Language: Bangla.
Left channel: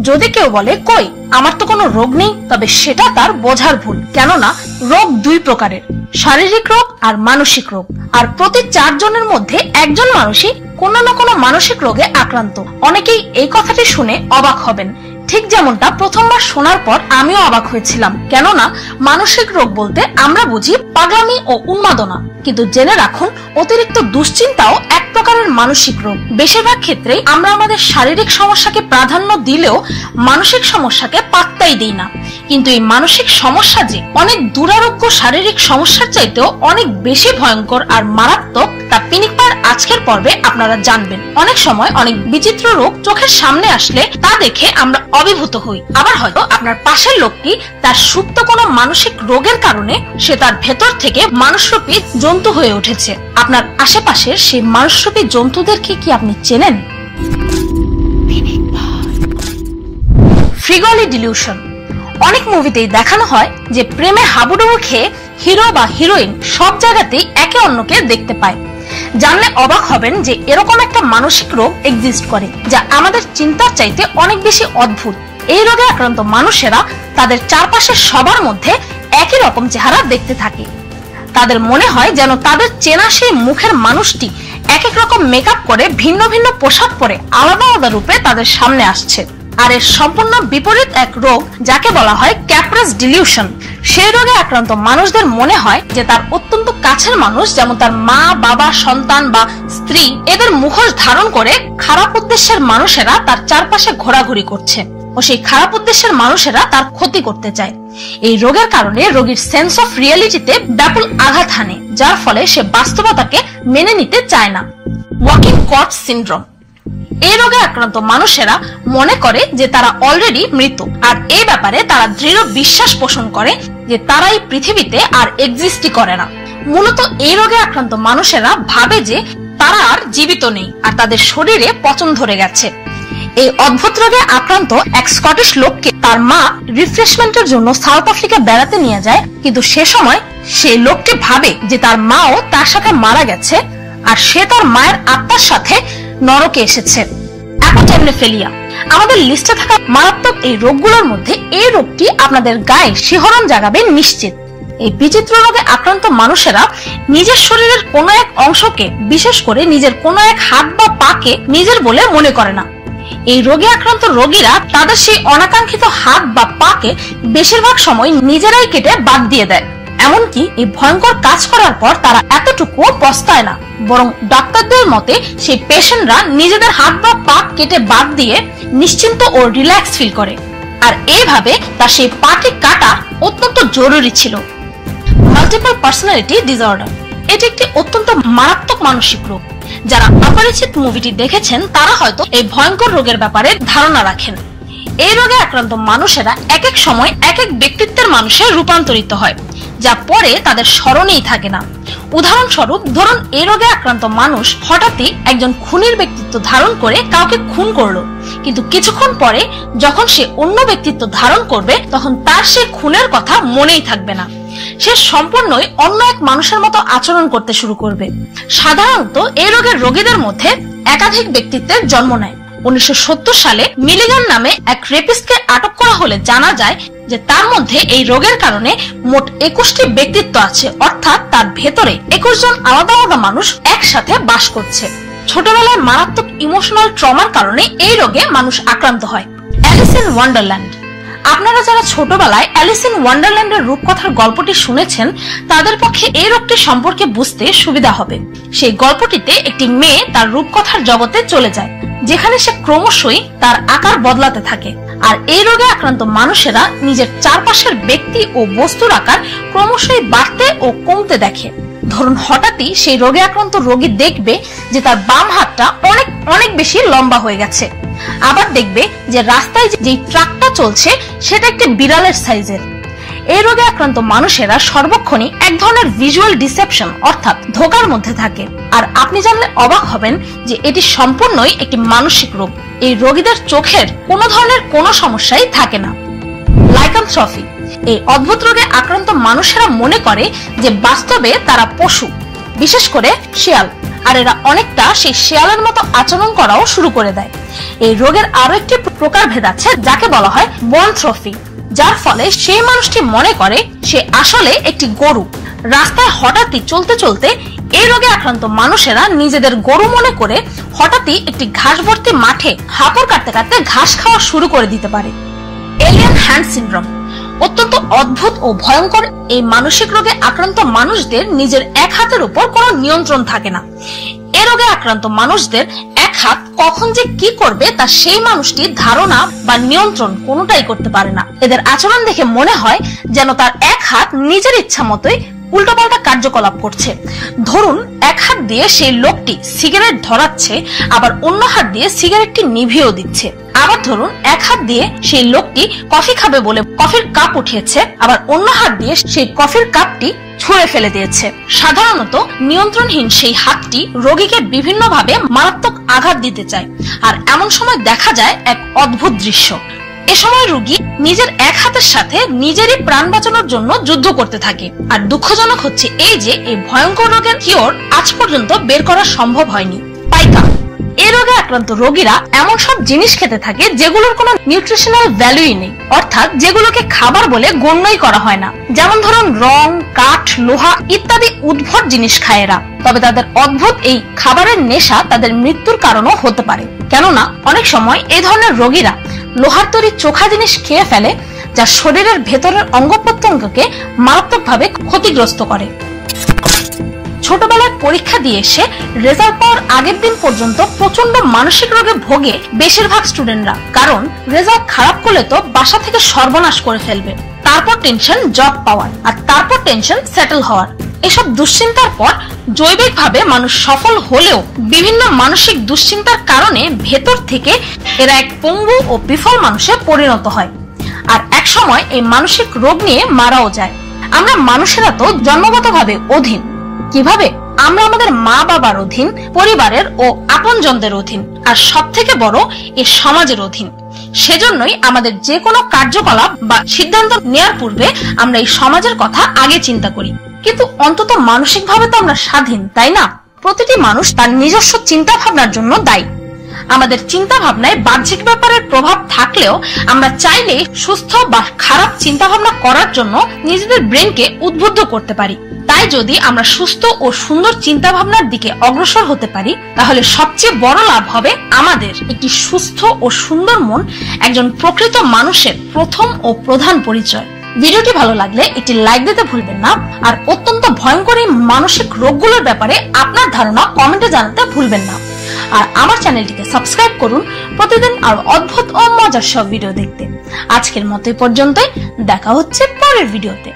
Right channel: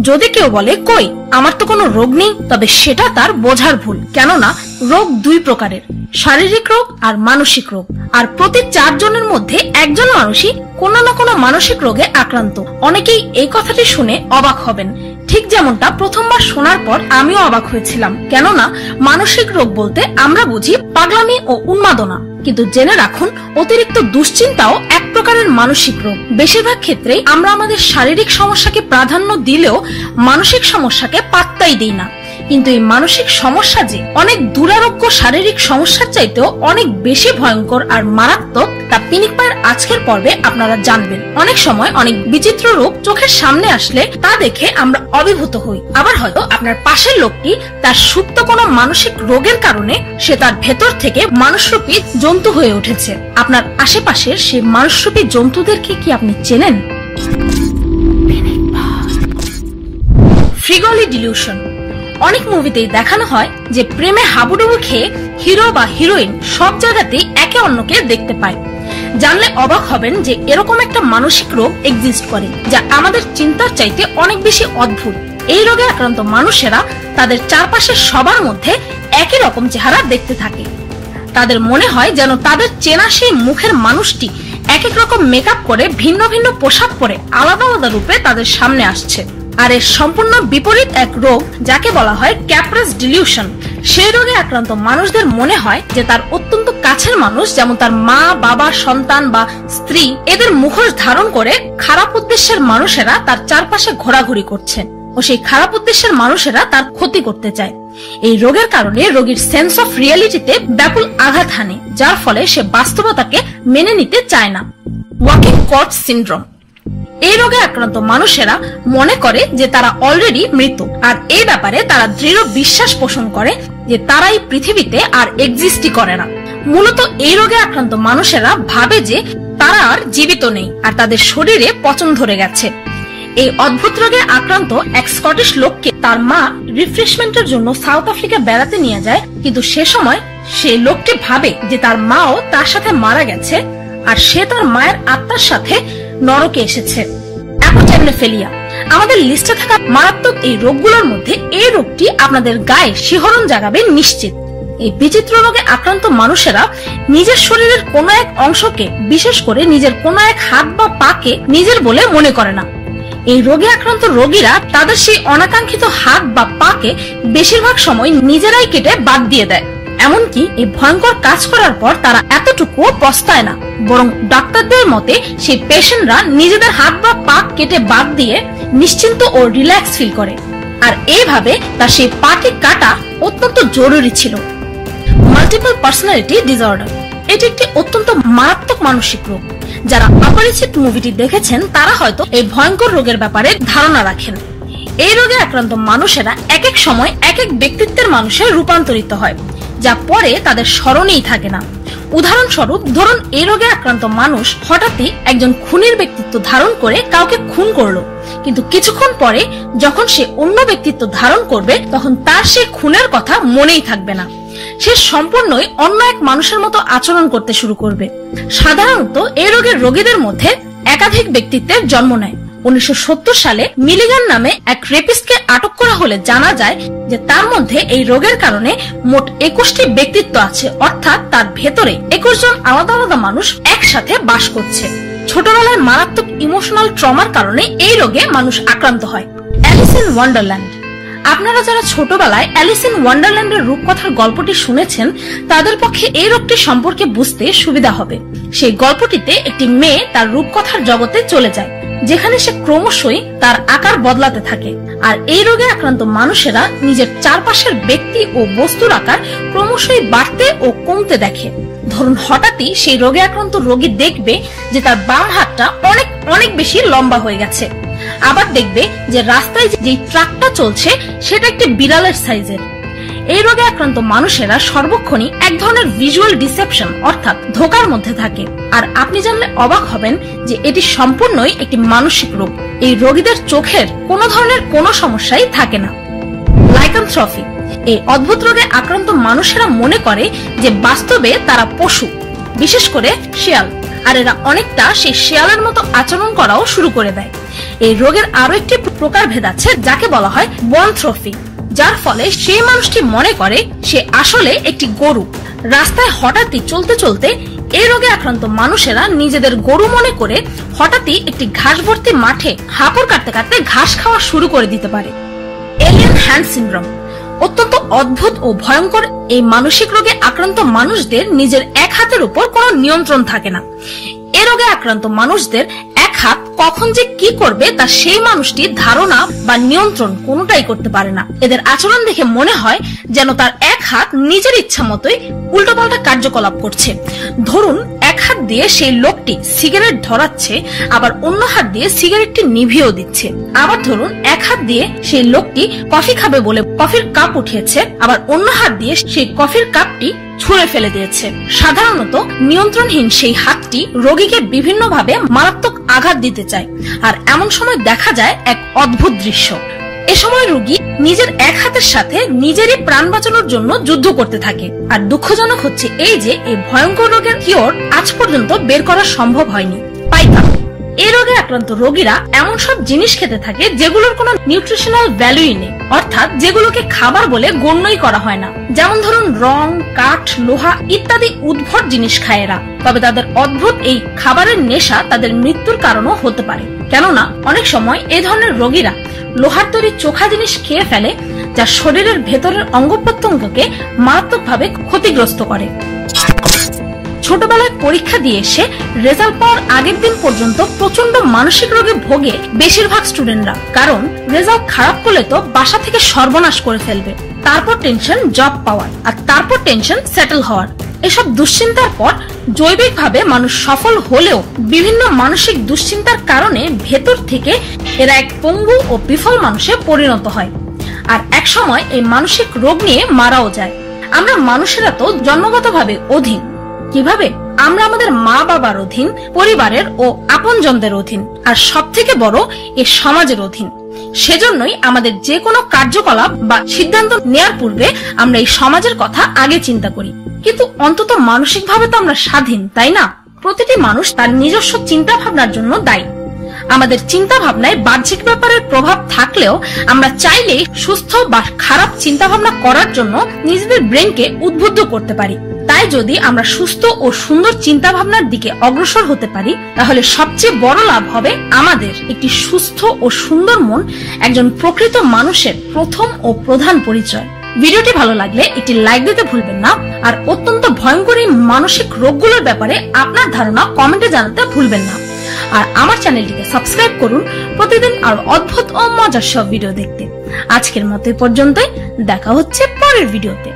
যদি কেউ বলে কই আমার তো কোনো রোগ নেই, তবে সেটা তার বোঝার ভুল। কেননা রোগ দুই প্রকারের, শারীরিক রোগ আর মানসিক রোগ। আর প্রতি 4 জনের মধ্যে একজন মানুষই কোনো না কোনো মানসিক রোগে আক্রান্ত। অনেকেই এই কথাটি শুনে অবাক হবেন, ঠিক যেমনটা প্রথমবার শোনার পর আমিও অবাক হয়েছিলাম। কেননা মানসিক রোগ বলতে আমরা বুঝি পাগলামি ও উন্মাদনা, কিন্তু জেনে রাখুন অতিরিক্ত দুশ্চিন্তাও এক প্রকারের মানসিক রোগ। বেশিরভাগ ক্ষেত্রে আমরা আমাদের শারীরিক সমস্যাকে প্রাধান্য দিলেও মানসিক সমস্যাকে পাত্তাই দিই না। কিন্তু এই মানসিক সমস্যা যে অনেক দুরারোগ্য শারীরিক সমস্যার চাইতেও অনেক বেশি ভয়ঙ্কর আর মারাত্মক, তা পিনিকপার আজকের পর্বে আপনারা জানবেন। অনেক সময় অনেক বিচিত্র রোগ চোখের সামনে আসলে তা দেখে আমরা অভিভূত হই। আবার হয়তো আপনার পাশের লোকটি তার সুপ্ত কোনো মানসিক রোগের কারণে সে তার ভেতর থেকে মানুষরূপী জন্তু হয়ে উঠেছে। আপনার আশেপাশের সেই মানুষরূপী জন্তুদেরকে কি আপনি চেনেন? ফ্রিগলি ডিলিউশন। অনেক মুভিতেই দেখানো হয় যে প্রেমে হাবুডুবু খেয়ে হিরো বা হিরোইন সব জায়গাতেই একে অন্যকে দেখতে পায়। জানলে অবাক হবেন যে এরকম একটা মানসিক রোগ এক্সিস্ট করে, যা আমাদের চিন্তার চাইতে অনেক বেশি অদ্ভুত। এই রোগে আক্রান্ত মানুষেরা তাদের চারপাশের সবার মধ্যে একই রকম চেহারা দেখতে থাকে। তাদের মনে হয় যেন তাদের চেনা সেই মুখের মানুষটি এক এক রকম মেকআপ করে ভিন্ন ভিন্ন পোশাক পরে আলাদা আলাদা রূপে তাদের সামনে আসছে। আর এর সম্পূর্ণ বিপরীত এক রোগ যাকে বলা হয় ক্যাপ্রাস ডিলিউশন। সেই রোগে আক্রান্ত মানুষদের মনে হয় যে তার অত্যন্ত কাছের মানুষ, যেমন তার মা, বাবা, সন্তান বা স্ত্রী, এদের মুখোশ ধারণ করে খারাপ উদ্দেশ্যের মানুষেরা তার চারপাশে ঘোরাঘুরি করছে ও সেই খারাপ উদ্দেশ্যের মানুষেরা তার ক্ষতি করতে চায়। এই রোগের কারণে রোগীর সেন্স অফ রিয়েলিটিতে ব্যাপক আঘাত হানে, যার ফলে সে বাস্তবতাকে মেনে নিতে চায় না। Walking corps syndrome. এই রোগে আক্রান্ত মানুষেরা মনে করে যে তারা অলরেডি মৃত, আর এই ব্যাপারে তারা দৃঢ় বিশ্বাস পোষণ করে যে তারা এই পৃথিবীতে আর এক্সিস্টই করে না। মূলত এই রোগে আক্রান্ত মানুষেরা ভাবে যে তারা আর জীবিত নেই আর তাদের শরীরে পচন ধরে গেছে। এই অদ্ভুত রোগে আক্রান্ত এক স্কটিশ লোককে তার মা রিফ্রেশমেন্টের জন্য সাউথ আফ্রিকা বেড়াতে নিয়ে যায়, কিন্তু সে সময় সেই লোকটি ভাবে যে তার মাও তার সাথে মারা গেছে আর সে তার মায়ের আত্মার সাথে নরকে এসেছে। অ্যাপোটাইমনেফেলিয়া। আমাদের লিস্টে থাকা মারাত্মক এই রোগগুলোর মধ্যে এই রোগটি আপনাদের গায়ে শিহরণ জাগাবে নিশ্চিত। এই বিচিত্র রোগে আক্রান্ত মানুষেরা নিজের শরীরের কোনো এক অংশকে, বিশেষ করে নিজের কোনো এক হাত বা পাকে নিজের বলে মনে করে না। এই রোগে আক্রান্ত রোগীরা তাদের সেই অনাকাঙ্ক্ষিত হাত বা পাকে বেশিরভাগ সময় নিজেরাই কেটে বাদ দিয়ে দেয়। এমনকি এই ভয়ঙ্কর কাজ করার পর তারা এতটুকুও পস্তায় না, বরং ডাক্তারদের মতে সেই পেশেন্টরা নিজেদের হাত বা পা কেটে বাদ দিয়ে নিশ্চিন্ত ও রিল্যাক্স ফিল করে। আর এইভাবে তার সেই পাকে কাটা অত্যন্ত জরুরি ছিল। Multiple personality disorder. এটি একটি অত্যন্ত মারাত্মক মানসিক রোগ। যারা অপরিচিত মুভিটি দেখেছেন তারা হয়তো এই ভয়ঙ্কর রোগের ব্যাপারে ধারণা রাখেন। এই রোগে আক্রান্ত মানুষেরা এক এক সময় এক এক ব্যক্তিত্বের মানুষে রূপান্তরিত হয়, যা পরে তাদের স্মরণেই থাকে না। উদাহরণস্বরূপ ধরুন, এই রোগে আক্রান্ত মানুষ হঠাৎই একজন খুনির ব্যক্তিত্ব ধারণ করে কাউকে খুন করলো, কিন্তু কিছুক্ষণ পরে যখন সে অন্য ব্যক্তিত্ব ধারণ করবে তখন তার সেই খুনের কথা মনেই থাকবে না। সে সম্পূর্ণই অন্য এক মানুষের মতো আচরণ করতে শুরু করবে। সাধারণত এই রোগের রোগীদের মধ্যে একাধিক ব্যক্তিত্বের জন্ম নেয়। 1970 সালে মিলিগান নামে এক রেপিস্টকে আটক করা হলে জানা যায় যে তার মধ্যে এই রোগের কারণে মোট 21টি ব্যক্তিত্ব আছে, অর্থাৎ তার ভেতরে 21 জন আলাদা আলাদা মানুষ একসাথে বাস করছে। ছোটবেলায় মারাত্মক ইমোশনাল ট্রমার কারণে এই রোগে মানুষ আক্রান্ত হয়। Alice in Wonderland. আপনারা যারা ছোটবেলায় অ্যালিস ইন ওয়ান্ডারল্যান্ডের রূপকথার গল্পটি শুনেছেন তাদের পক্ষে এই রোগটি সম্পর্কে বুঝতে সুবিধা হবে। সেই গল্পটিতে একটি মেয়ে তার রূপকথার জগতে চলে যায়, যেখানে সে ক্রমশই তার আকার বদলাতে থাকে। আর এই রোগে আক্রান্ত মানুষেরা নিজের চারপাশের ব্যক্তি ও বস্তুর আকার ক্রমশই বাড়তে ও কমতে দেখে। ধরুন, হঠাৎই সেই রোগে আক্রান্ত রোগী দেখবে যে তার বাম হাতটা অনেক অনেক বেশি লম্বা হয়ে গেছে। আবার দেখবে যে রাস্তায় যে ট্রাকটা চলছে সেটা একটি বিড়ালের সাইজের। এই রোগে আক্রান্ত মানুষেরা সর্বক্ষণই এক ধরনের ভিজুয়াল ডিসেপশন অর্থাৎ ধোঁকার মধ্যে থাকে। আর আপনি জানলে অবাক হবেন যে এটি সম্পূর্ণই একটি মানসিক রোগ। এই রোগীদের চোখের কোনো ধরনের কোনো সমস্যাই থাকে না। লাইকানথ্রপি। এই অদ্ভুত রোগে আক্রান্ত মানুষেরা মনে করে যে বাস্তবে তারা পশু, বিশেষ করে শিয়াল। আর এরা অনেকটা সেই শিয়ালের মতো আচরণ করাও শুরু করে দেয়। এই রোগের আরো একটি প্রকারভেদ আছে যাকে বলা হয় বনথ্রফি, যার ফলে সেই মানুষটি মনে করে সে আসলে একটি গরু। রাস্তায় হঠাৎই চলতে চলতে এই রোগে আক্রান্ত মানুষেরা নিজেদের গরু মনে করে হঠাৎই একটি ঘাস ভর্তি মাঠে হাঁপার কাটতে কাটতে ঘাস খাওয়া শুরু করে দিতে পারে। এলিয়েন হ্যান্ড সিনড্রোম অত্যন্ত অদ্ভুত ও ভয়ঙ্কর। এই মানসিক রোগে আক্রান্ত মানুষদের নিজের এক হাতের উপর কোনো নিয়ন্ত্রণ থাকে না। এ রোগে আক্রান্ত মানুষদের এক হাত কখন যে কি করবে তা সেই মানুষটি ধারণা বা নিয়ন্ত্রণ কোনোটাই করতে পারে না। এদের আচরণ দেখে মনে হয় যেন তার এক হাত নিজের ইচ্ছা মতোই উল্টোপাল্টা কার্যকলাপ করছে। ধরুন এক হাত দিয়ে সেই লোকটি সিগারেট ধরাচ্ছে, আবার অন্য হাত দিয়ে সিগারেটটি নিভিয়েও দিচ্ছে। আবার ধরুন এক হাত দিয়ে সেই লোকটি কফি খাবে বলে কফির কাপ উঠিয়েছে, আবার অন্য হাত দিয়ে সেই কফির কাপটি ছুঁড়ে ফেলে দিয়েছে। সাধারণত নিয়ন্ত্রণহীন সেই হাতটি রোগীকে বিভিন্নভাবে মারাত্মক আঘাত দিতে চায়। আর এমন সময় দেখা যায় এক অদ্ভুত দৃশ্য। এ সময় রোগী নিজের এক হাতের সাথে নিজেরই প্রাণ বাঁচানোর জন্য যুদ্ধ করতে থাকে। আর দুঃখজনক হচ্ছে এই যে এই ভয়ঙ্কর রোগের কিওর আজ পর্যন্ত বের করা সম্ভব হয়নি। পাইকা এই রোগে আক্রান্ত রোগীরা এমন সব জিনিস খেতে থাকে যেগুলোর কোনো নিউট্রিশনাল ভ্যালুই নেই, অর্থাৎ যেগুলোকে খাবার বলে গণ্যই করা হয় না। যেমন ধরুন রং, কাঠ, লোহা ইত্যাদি উদ্ভট জিনিস খায় এরা। তবে তাদের অদ্ভুত এই খাবারের নেশা তাদের মৃত্যুর কারণও হতে পারে, কেননা অনেক সময় এই ধরনের রোগীরা লোহার তৈরি চোখা জিনিস খেয়ে ফেলে, যা শরীরের ভেতরের অঙ্গ প্রত্যঙ্গকে মারাত্মকভাবে ক্ষতিগ্রস্ত করে। ছোটবেলায় পরীক্ষা দিয়ে এসে রেজাল্ট পাওয়ার আগের দিন পর্যন্ত প্রচন্ড মানসিক রোগে ভোগে বেশিরভাগ স্টুডেন্টরা, কারণ রেজাল্ট খারাপ করলে তো বাসা থেকে সর্বনাশ করে ফেলবে। তারপর টেনশন জব পাওয়ার, আর তারপর টেনশন সেটেল হওয়ার। এসব দুশ্চিন্তার পর জৈবিকভাবে মানুষ সফল হলেও বিভিন্ন মানসিক দুশ্চিন্তার কারণে ভেতর থেকে এরা এক পঙ্গু ও বিফল মানুষে পরিণত হয়, আর এক সময় এই মানসিক রোগ নিয়ে মারাও যায়। আমরা মানুষেরা তো জন্মগতভাবে অধীন। কিভাবে? আমরা আমাদের মা বাবার অধীন, পরিবারের ও আপনজনদের অধীন, আর সব থেকে বড় এই সমাজের অধীন। সেজন্যই আমাদের যে কোনো কার্যকলাপ বা সিদ্ধান্ত নেয়ার পূর্বে আমরা এই সমাজের কথা আগে চিন্তা করি। কিন্তু অন্তত মানসিকভাবে তো আমরা স্বাধীন, তাই না? প্রতিটি মানুষ তার নিজস্ব চিন্তা ভাবনার জন্য দায়ী। আমাদের চিন্তা ভাবনায় বাহ্যিক ব্যাপারের প্রভাব থাকলেও আমরা চাইলে সুস্থ বা খারাপ চিন্তা ভাবনা করার জন্য নিজেদের ব্রেনকে উদ্বুদ্ধ করতে পারি। তাই যদি আমরা সুস্থ ও সুন্দর চিন্তা ভাবনার দিকে অগ্রসর হতে পারি, তাহলে সবচেয়ে বড় লাভ হবে আমাদের। একটি সুস্থ ও সুন্দর মন একজন প্রকৃত মানুষের প্রথম ও প্রধান পরিচয়। ভিডিওটি ভালো লাগলে একটি লাইক দিতে ভুলবেন না, আর অত্যন্ত ভয়ঙ্কর এই মানসিক রোগগুলোর ব্যাপারে আপনার ধারণা কমেন্টে জানাতে ভুলবেন না। আর আমার চ্যানেলটিকে সাবস্ক্রাইব করুন প্রতিদিন আর অদ্ভুত ও মজার সব ভিডিও দেখতে। আজকের মতো পর্যন্তই, দেখা হচ্ছে পরের ভিডিওতে।